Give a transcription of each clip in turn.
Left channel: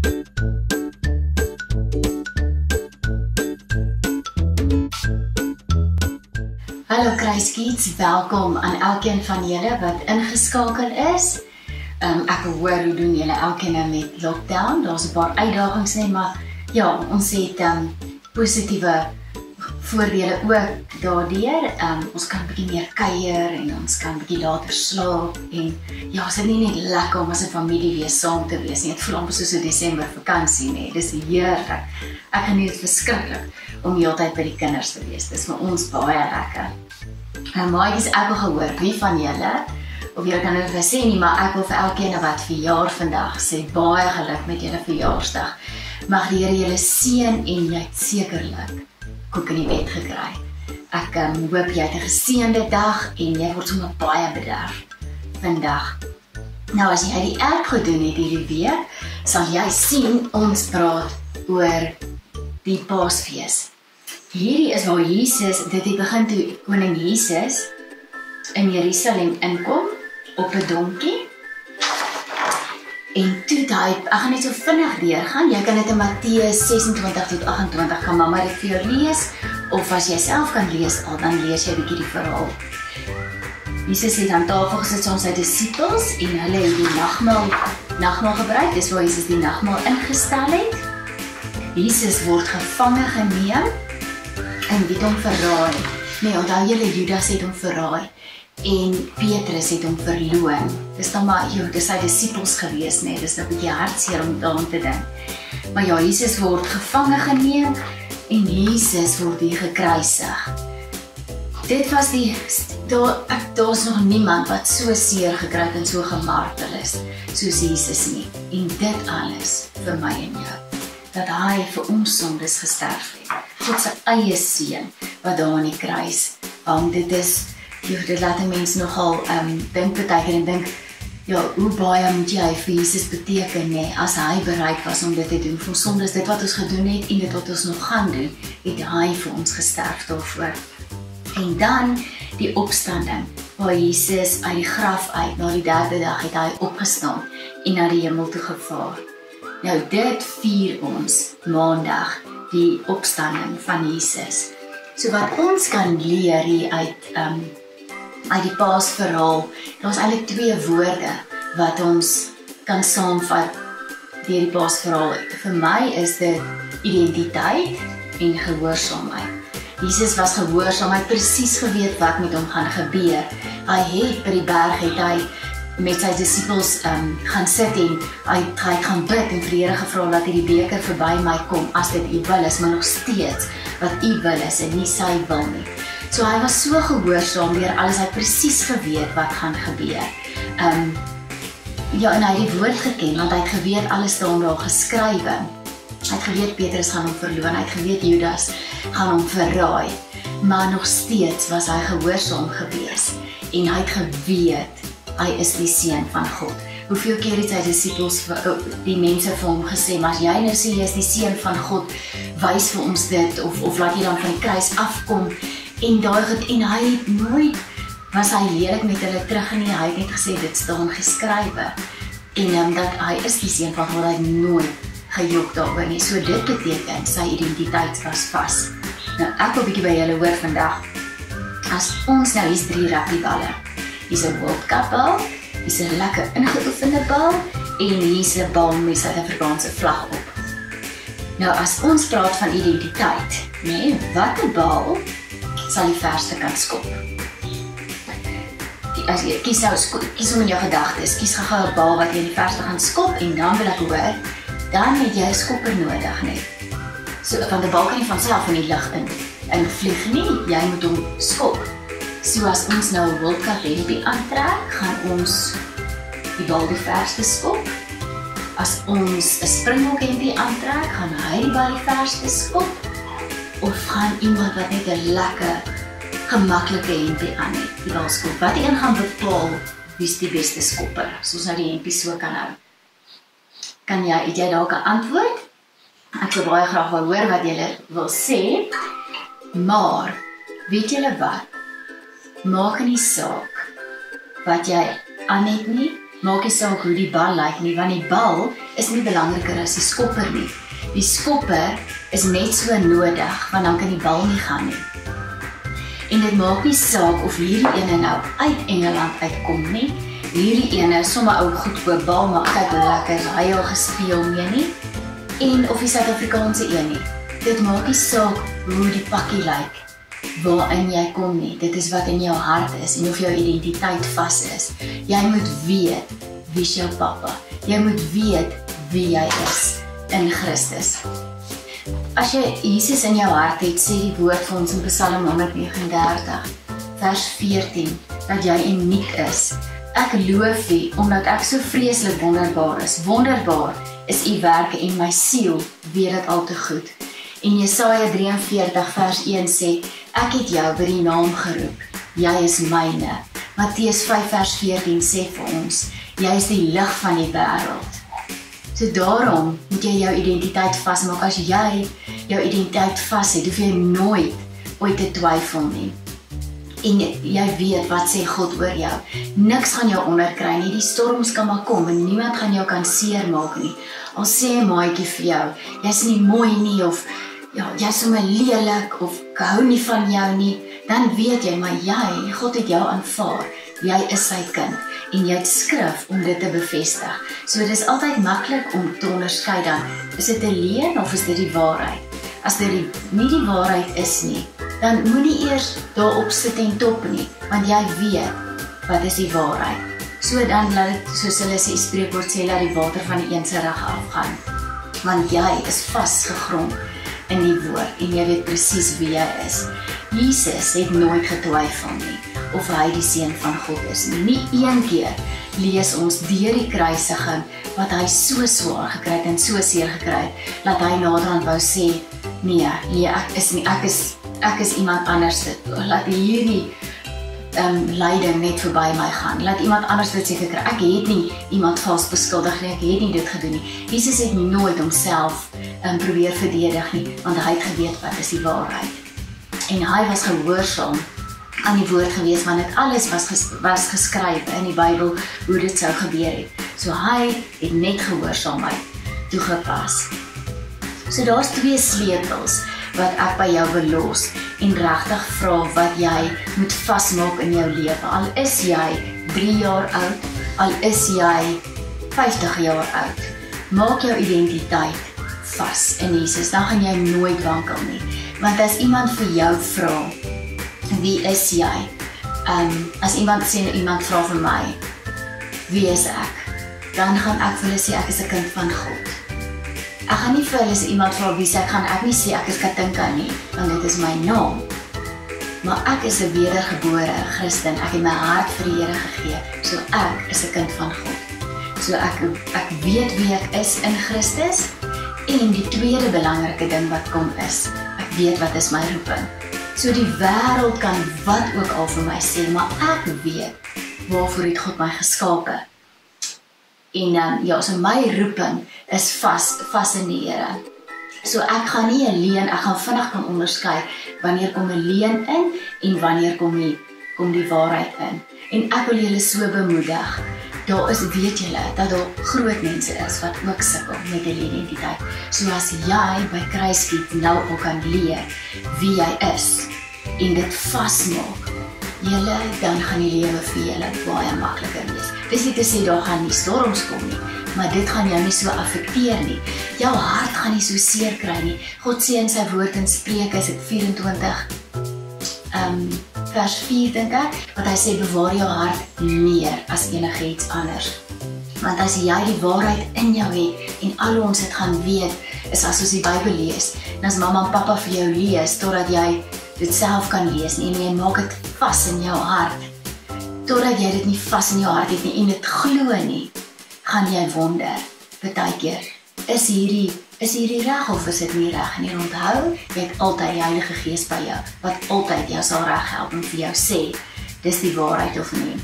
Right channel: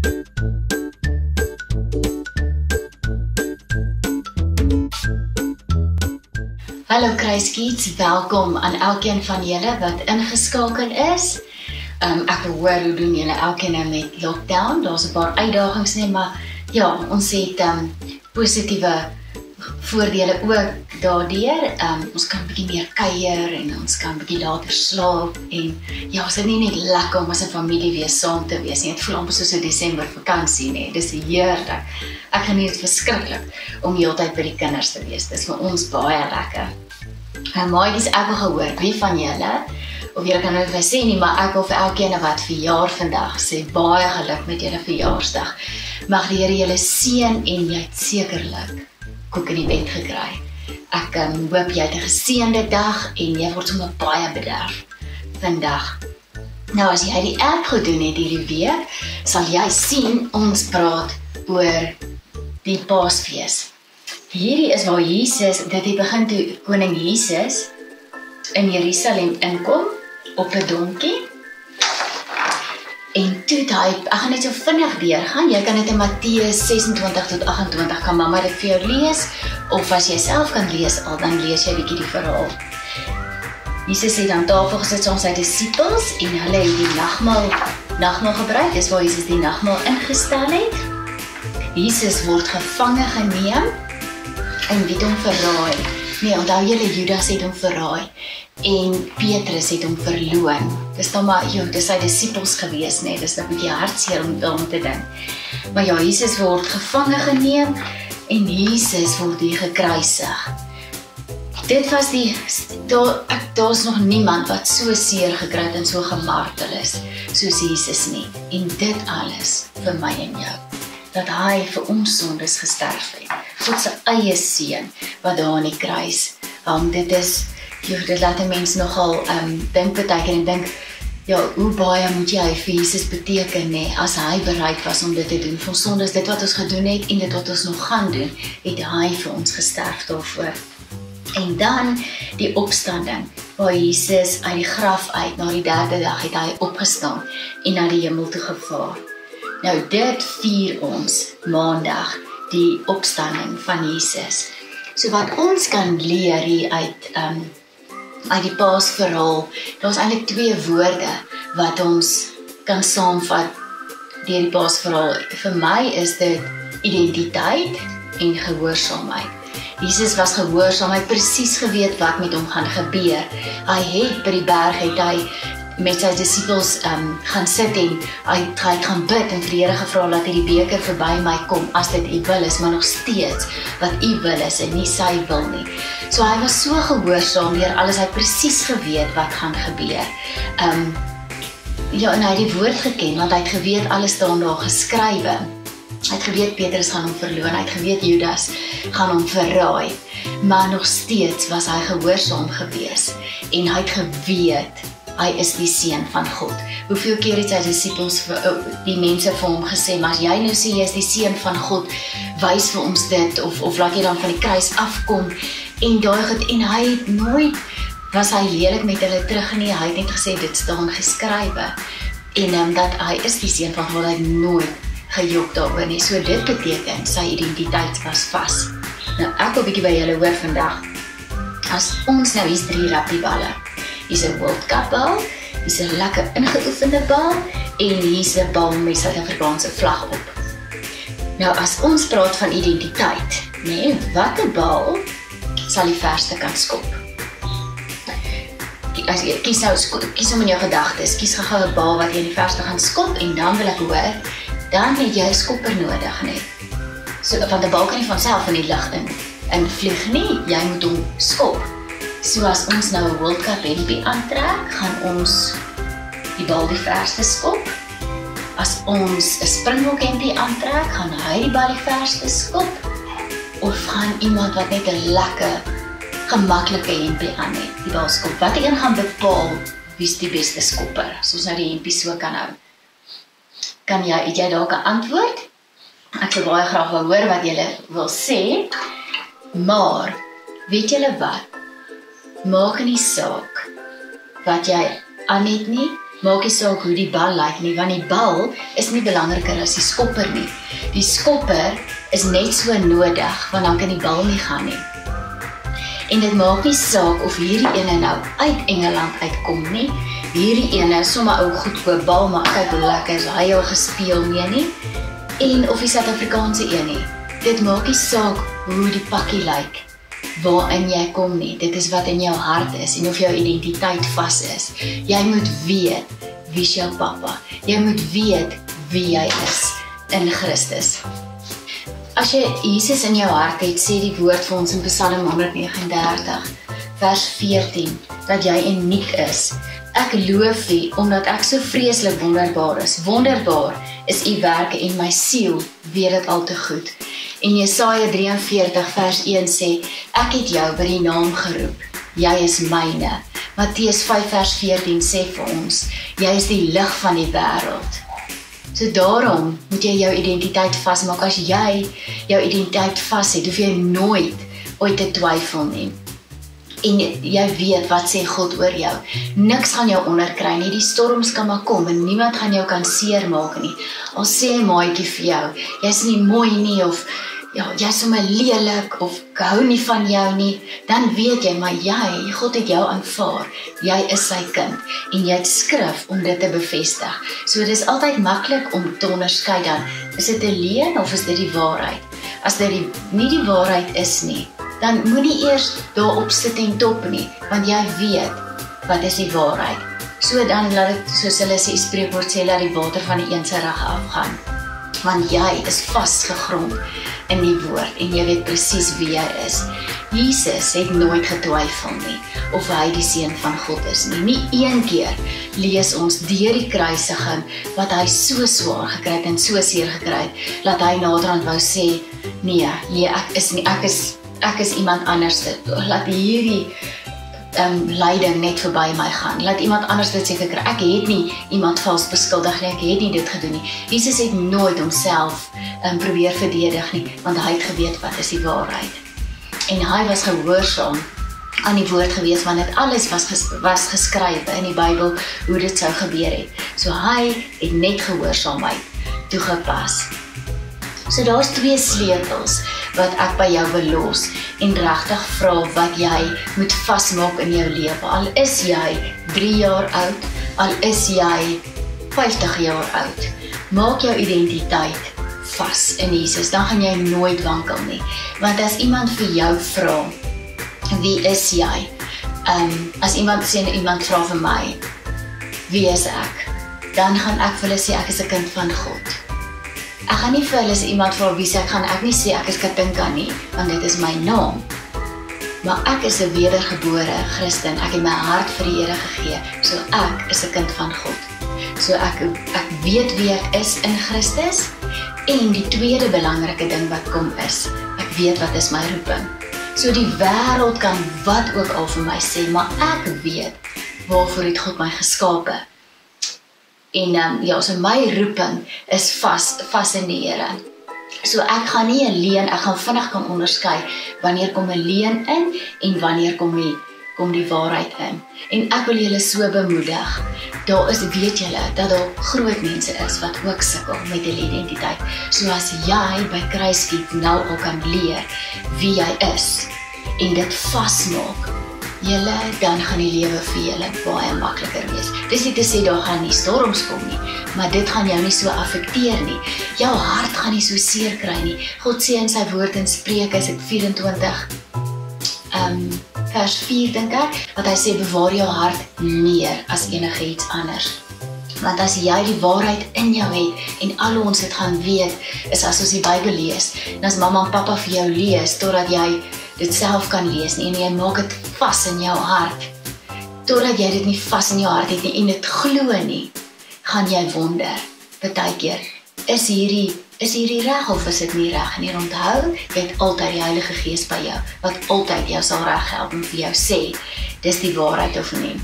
Hallo KruisKidz, welkom aan elkeen van julle wat ingeskakel is. Ek wil hoor hoe doen julle elkeen nou met lockdown. Daar's 'n paar uitdagings nie, maar ja, ons het positiewe voordele ook daardeur. Ons kan 'n bietjie meer kuier en ons kan 'n bietjie later slaap en ja, ons is nie net lekker om as 'n familie weer saam te wees nie. Dit voel amper soos 'n Desember vakansie, nee. Dis heerlik. Ek geniet dit verskriklik om heeltyd by die kinders te wees. Dis vir ons baie lekker. Maatjies, ek wil gehoor, wie van julle, of julle kan nou sê nie, maar ek wil vir elkeen wat verjaar vandag sê, baie geluk met julle verjaarsdag. Mag die Here julle seën en jy het sekerlik koek in die bed gekry. Ek hoop jy het 'n geseënde dag en jy word sommer baie bederf vandag. Nou as jy die app gedoen het hierdie week, sal jy sien ons praat oor die Paasfees. Hierdie is waar Jesus, dit het begin toe koning Jesus in Jerusalem inkom op 'n donkie. En toe ek gaan net so vinnig deurgaan, jy kan dit in Matteus 26 tot 28, kan mamma dit vir jou lees, of as jy self kan lees al, dan lees jy 'n bietjie die verhaal. Jesus het aan tafel gesit saam met sy disippels, en hulle het die nagmaal gebruik, dis waar Jesus die nagmaal ingestel het. Jesus word gevange geneem, en wie het hom verraai? Nee, onthou julle, Judas het hom verraai, en Petrus het hom verloon. Dis dan maar, dis sy disippels gewees, nee, dis 'n bietjie hartseer om daaraan te dink. Maar ja, Jesus word gevange geneem, en Jesus word hier gekruisig. Dit was daar's nog niemand wat so seer gekry het en so gemartel is, soos Jesus nie. En dit alles vir my en jou, dat hy vir ons sondes gesterf het. God se eie seun, wat daar aan die kruis hang. Dit laat 'n mens nogal dink partykeer en dink, ja, hoe baie moet jy vir Jesus beteken, nee, as hy bereid was om dit te doen, vir ons sondes, dit wat ons gedoen het, en dit wat ons nog gaan doen, het hy vir ons gesterf daarvoor. En dan die opstanding, waar Jesus uit die graf uit, na die 3de dag het hy opgestaan, en na die hemel toe gevaar. Nou dit vier ons maandag, die opstanding van Jesus. So wat ons kan leer hier uit die Paasverhaal, daar's eintlik 2 woorde wat ons kan saamvat deur die Paasverhaal. Vir my is dit identiteit en gehoorsaamheid. Jesus was gehoorsaam, hy het presies geweet wat met hom gaan gebeur. Hy het by die berg, het hy met sy disippels gaan sit en hy gaan bid en vir die Here gevra dat hy die beker verby my kom, as dit u wil is, maar nog steeds wat u wil is en nie sy wil nie. So hy was so gehoorsaam deur alles, hy het presies geweet wat gaan gebeur. Ja, en hy het die woord geken, want hy het geweet alles staan daar geskrywe. Hy het geweet Petrus gaan hom verloon, hy het geweet Judas gaan hom verraai, maar nog steeds was hy gehoorsaam gewees, en hy het geweet, hy is die seun van God. Hoeveel keer het sy disippels, die mense vir hom gesê, maar as jy nou sê jy is die seun van God, wys vir ons dit, of laat jy dan van die kruis afkom, en hy het nooit, was hy lelik met hulle terug nie, hy het net gesê, dit staan geskrywe, en dat hy is die seun van God, hy het nooit gejok daaroor nie, so dit beteken, sy identiteit was vas. Nou, ek wil bietjie by julle hoor vandag, as ons nou, hier's 3 rugbieballe, hier's 'n World Cup bal, hier's 'n lekker ingeoefende bal, en hier's 'n bal met Suid-Afrikaanse vlag op. Nou, as ons praat van identiteit, nee, watter bal sal die verste kan skop? As jy kies om in jou gedagtes, kies gou 'n bal wat jy in die verste gaan skop, en dan wil ek hoor, dan het jy 'n skopper nodig, nee. So, want 'n bal kan nie van self in die lug in vlieg nie, jy moet hom skop. So as ons nou 'n World Cup hempie aantrek, gaan ons die bal die verste skop. As ons 'n Springbok hempie aantrek, gaan hy die bal die verste skop. Of gaan iemand wat net 'n lekker, gemaklike hempie aan het, die bal skop. Wat een gaan bepaal wie's die beste skopper, as ons nou die hempie so kan hou? Het jy dalk 'n antwoord? Ek sou baie graag wil hoor wat julle wil sê, maar weet julle wat? Maak nie saak wat jy aan het nie, Maak nie saak hoe die bal lyk nie, want die bal is nie belangriker as die skopper nie. Die skopper is net so nodig, want dan kan die bal nie gaan nie. En dit maak nie saak of hierdie ene nou uit Engeland uitkom nie. Hierdie ene, sommer ou goedkoop bal, maar kyk hoe lekker is hy al gespeel mee nie. En of die Suid-Afrikaanse een nie. Dit maak nie saak hoe die pakkie lyk, waarin jy kom nie. Dit is wat in jou hart is en of jou identiteit vas is. Jy moet weet wie is jou pappa. Jy moet weet wie jy is in Christus. As jy Jesus in jou hart het, sê die woord vir ons in Psalm 139, vers 14, dat jy uniek is. Ek loof U, omdat ek so vreeslik wonderbaar is. Wonderbaar is U werke en my siel weet dit al te goed. En Jesaja 43 vers 1 sê, ek het jou by die naam geroep, jy is myne. Matteus 5 vers 14 sê vir ons, jy is die lig van die wêreld. So daarom moet jy jou identiteit vasmaak. As jy jou identiteit vas het, hoef jy nooit ooit te twyfel nie. En jy weet wat sê God oor jou. Niks gaan jou onderkry nie, die storms kan maar kom en niemand gaan jou kan seermaak nie. Al sê 'n maatjie vir jou, jy's nie mooi nie of ja, jy's sommer lelik of ek hou nie van jou nie, dan weet jy, maar God het jou aanvaar. Jy is sy kind en jy het skrif om dit te bevestig. So dit is altyd maklik om te onderskei dan, is dit 'n leuen of is dit die waarheid? As dit nie die waarheid is nie, dan moenie eers daarop sit en top nie, want jy weet wat is die waarheid. So dan laat dit, soos hulle sê, spreekwoord sê, laat die water van die een se rug afgaan. Want jy is vasgegrond in die woord en jy weet presies wie jy is. Jesus het nooit getwyfel nie of hy die seun van God is nie. Nie een keer lees ons deur die kruisiging wat hy so swaar gekry het en so seer gekry het, dat hy naderhand wou sê, nee, ek is nie, ek is iemand anders. Laat hierdie lyding net verby my gaan. Laat iemand anders dit seker kry. Ek het nie iemand vals beskuldig nie, ek het nie dit gedoen nie. Jesus het nooit homself probeer verdedig nie, want hy het geweet wat is die waarheid. En hy was gehoorsaam aan die woord gewees, want dit alles was geskrywe in die Bybel, hoe dit sou gebeur het. So hy het net gehoorsaamheid toegepas. So daar's 2 sleutels wat ek by jou wil los en regtig vra wat jy moet vasmaak in jou lewe. Al is jy 3 jaar oud, al is jy 50 jaar oud, maak jou identiteit vas in Jesus, dan gaan jy nooit wankel nie. Want as iemand vir jou vra, wie is jy? As iemand vra vir my, wie is ek? Dan gaan ek vir hulle sê, ek is 'n kind van God. Ek gaan nie vir hulle iemand vra wie ek gaan ek nie sê ek is Katinka nie, want dit is my naam. Maar ek is 'n wedergebore Christen. Ek het my hart vir die Here gegee. So ek is 'n kind van God. So ek weet wie ek is in Christus. En die tweede belangrike ding wat kom is, ek weet wat is my roeping. So die wêreld kan wat ook al vir my sê, maar ek weet waarvoor het God my geskape. En so my roeping is vas in die Here. So ek gaan nie 'n leuen, ek gaan vinnig kan onderskei wanneer kom 'n leuen in en wanneer kom die waarheid in. En ek wil julle so bemoedig. Weet julle dat daar groot mense is wat ook sukkel met hulle identiteit. So as jy by KruisKidz nou al kan leer wie jy is en dit vasmaak, dan gaan die lewe vir julle baie makliker wees. Dis nie te sê daar gaan nie storms kom nie, maar dit gaan jou nie so affekteer nie. Jou hart gaan nie so seer kry nie. God sê in sy woord in Spreuke 24, vers 4 dink ek, wat hy sê bewaar jou hart meer as enige iets anders. Want as jy die waarheid in jou het en al ons het gaan weet, is as ons die Bybel lees, en as mamma en pappa vir jou lees, totdat jy dit self kan lees nie, en jy maak dit vas in jou hart, totdat jy dit nie vas in jou hart het nie, en dit glo nie, gaan jy wonder, partykeer, is hierdie reg of is dit nie reg? En onthou, jy het altyd die Heilige Gees by jou, wat altyd jou sal reg help en vir jou sê, dis die waarheid of nie.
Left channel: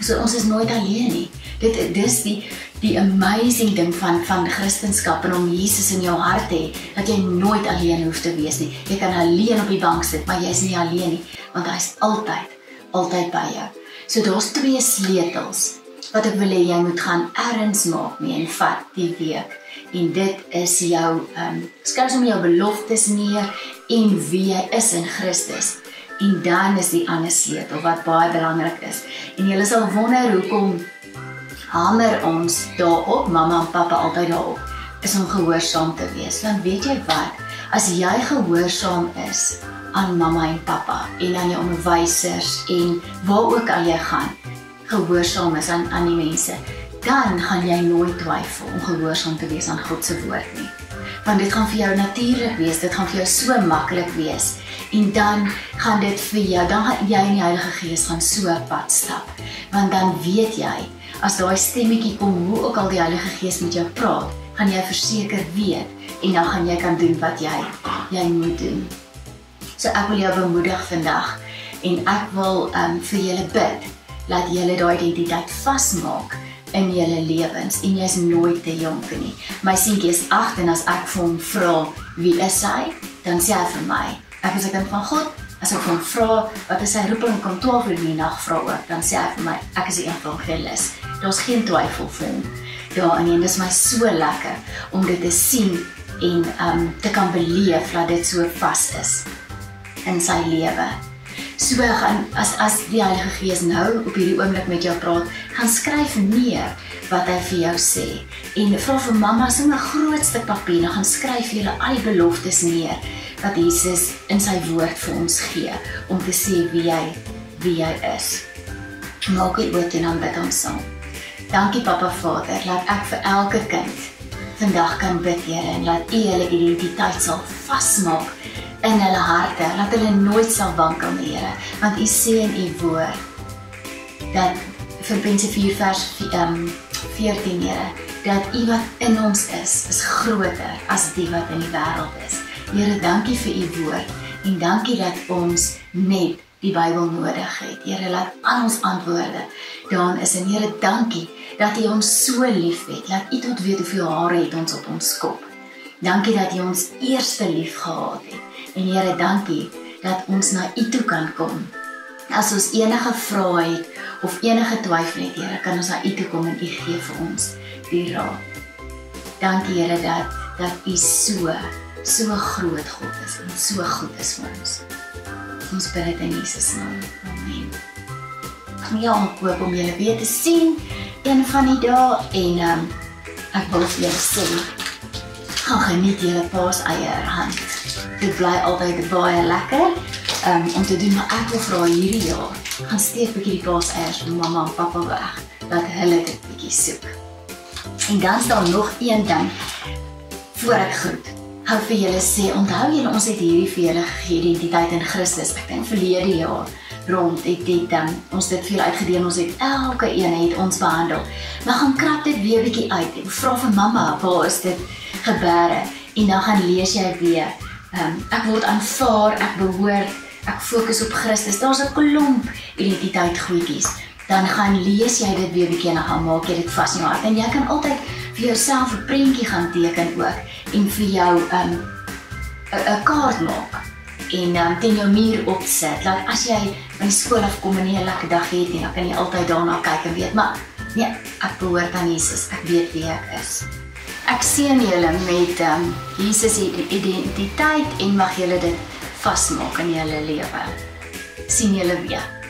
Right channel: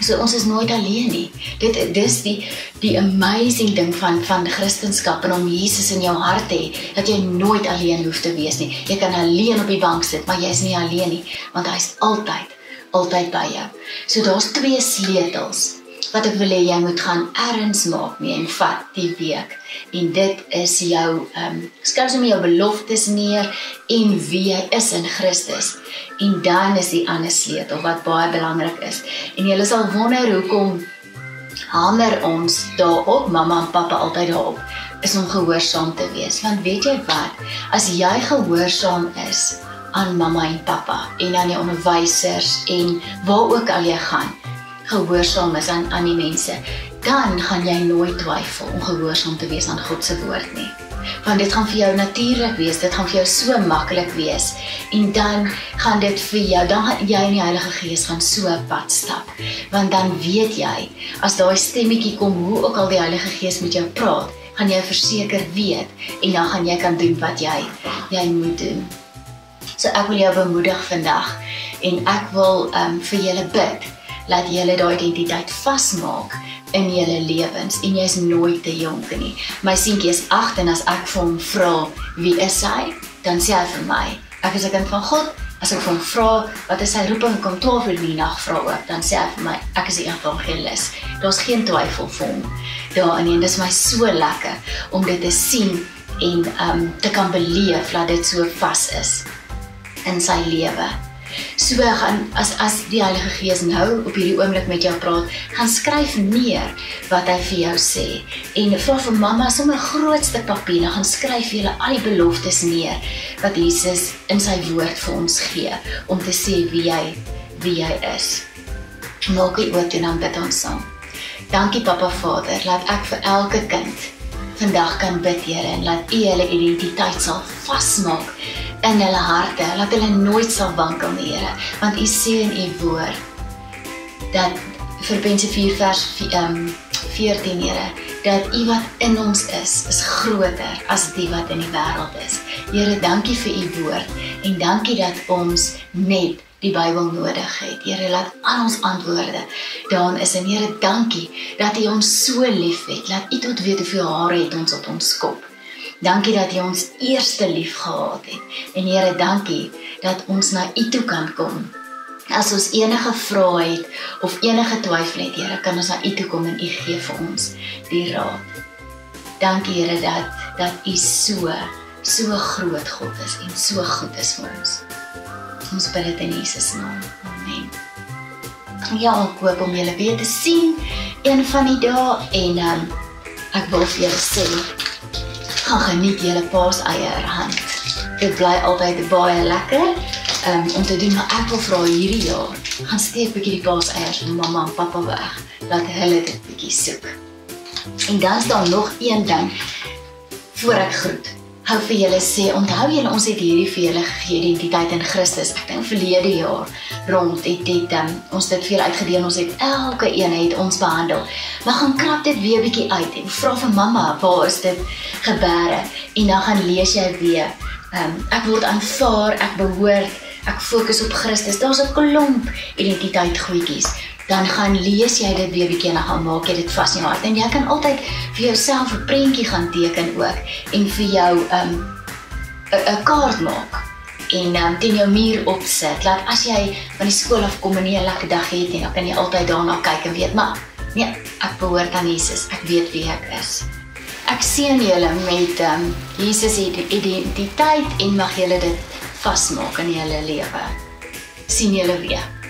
So ons is nooit alleen nie. Dis die amazing ding van Christenskap en om Jesus in jou hart te hê, dat jy nooit alleen hoef te wees nie. Jy kan alleen op die bank sit, maar jy is nie alleen nie, want hy is altyd by jou. So daar's 2 sleutels wat ek wil hê jy moet gaan erns maak mee en vat die week. En dit is jou, skryf sommer jou beloftes neer en wie jy is in Christus. En dan is die ander sleutel wat baie belangrik is. En jy sal wonder hoekom hamer ons daarop, mamma en papa altyd daarop, is om gehoorsaam te wees. Want weet jy wat, as jy gehoorsaam is aan mamma en papa en aan die onderwysers en waar ook al jy gaan, gehoorsaam is aan die mense, dan gaan jy nooit twyfel om gehoorsaam te wees aan God se woord nie. Want dit gaan vir jou natuurlik wees, dit gaan vir jou so maklik wees. En dan gaan dit vir jou, dan gaan jy in die Heilige Gees van so 'n pad stap. Want dan weet jy, as daai stemmetjie kom, hoe ook al die Heilige Gees met jou praat, gaan jy verseker weet, en dan gaan jy kan doen wat jy moet doen. So ek wil jou bemoedig vandag, en ek wil vir julle bid, laat julle daai identiteit vasmaak in julle lewens, en jy is nooit te jonk nie. My seentjie is 8, en as ek vir hom vra, wie is hy? Dan sê hy vir my, ek is 'n kind van God. As ek vir hom vra, wat is sy roeping, kom 12 uur in die nag vra ook, dan sê hy vir my, ek is die evangelis. Daar's geen twyfel vir hom daarin, en dit is my so lekker om dit te sien en te kan beleef dat dit so vas is in sy lewe. So gaan, as die Heilige Gees nou op hierdie oomblik met jou praat, gaan skryf neer wat hy vir jou sê. En vra vir mamma sommer 'n groot stuk papier, dan gaan skryf julle al die beloftes neer wat Jesus in sy woord vir ons gee, om te sê wie jy is. Maak die oortoe en dan bid ons saam. Dankie Papa Vader, laat ek vir elke kind vandag kan bid, Here, en laat U hulle identiteit sal vasmaak in hulle harte, laat hulle nooit sal wankel nie, Here, want U sê in U woord, dat Filippense 4 vers 14, Here, dat U wat in ons is groter as die wat in die wêreld is. Here, dankie vir U woord, en dankie dat ons net die Bybel nodig het. Here, laat al ons antwoorde daarin is, en Here, dankie dat U ons so lief het, laat U tot weet hoeveel hare het ons op ons kop. Dankie dat U ons eerste lief gehad het, en Here, dankie dat ons na U toe kan kom. As ons enige vrae het, of enige twyfel het, Here, kan ons na U toe kom, en U gee vir ons die raad. Dankie, Here, dat U so groot God is, en so goed is vir ons. Ons bid dit in Jesus naam. Amen. Ja, ek hoop om julle weer te sien een van die dae, en ek wil vir julle sê, gaan geniet julle paaseierhand. Dit bly altyd baie lekker om te doen, maar ek wil vra hierdie jaar, gaan steek bietjie die paaseiers van mamma en papa weg, laat hulle dit bietjie soek. En dan is daar nog een ding, voor ek groet. Hou vir julle sê, onthou julle, ons het hierdie vir julle gegee, identiteit in Christus. Ek dink verlede jaar rond het ons dit vir julle uitgedeel, ons het elke een het ons behandel. Maar gaan krap dit weer bietjie uit, en vra vir mamma, waar is dit gebeure? En dan gaan lees jy weer, ek word aanvaar, ek behoort, ek fokus op Christus, daar's 'n klomp identiteit goedjies. Dan gaan lees jy dit weer bietjie en dan gaan maak jy dit vas in jou hart. En jy kan altyd vir jouself 'n prentjie gaan teken ook, en vir jou 'n kaart maak, en teen jou muur opsit. Laat as jy van die skool afkom en nie 'n lekker dag het nie, dan kan jy altyd daarna kyk en weet, maar nee, ek behoort aan Jesus, ek weet wie ek is. Ek seën julle met Jesus identiteit, en mag julle dit vasmaak in julle lewe. Sien julle weer.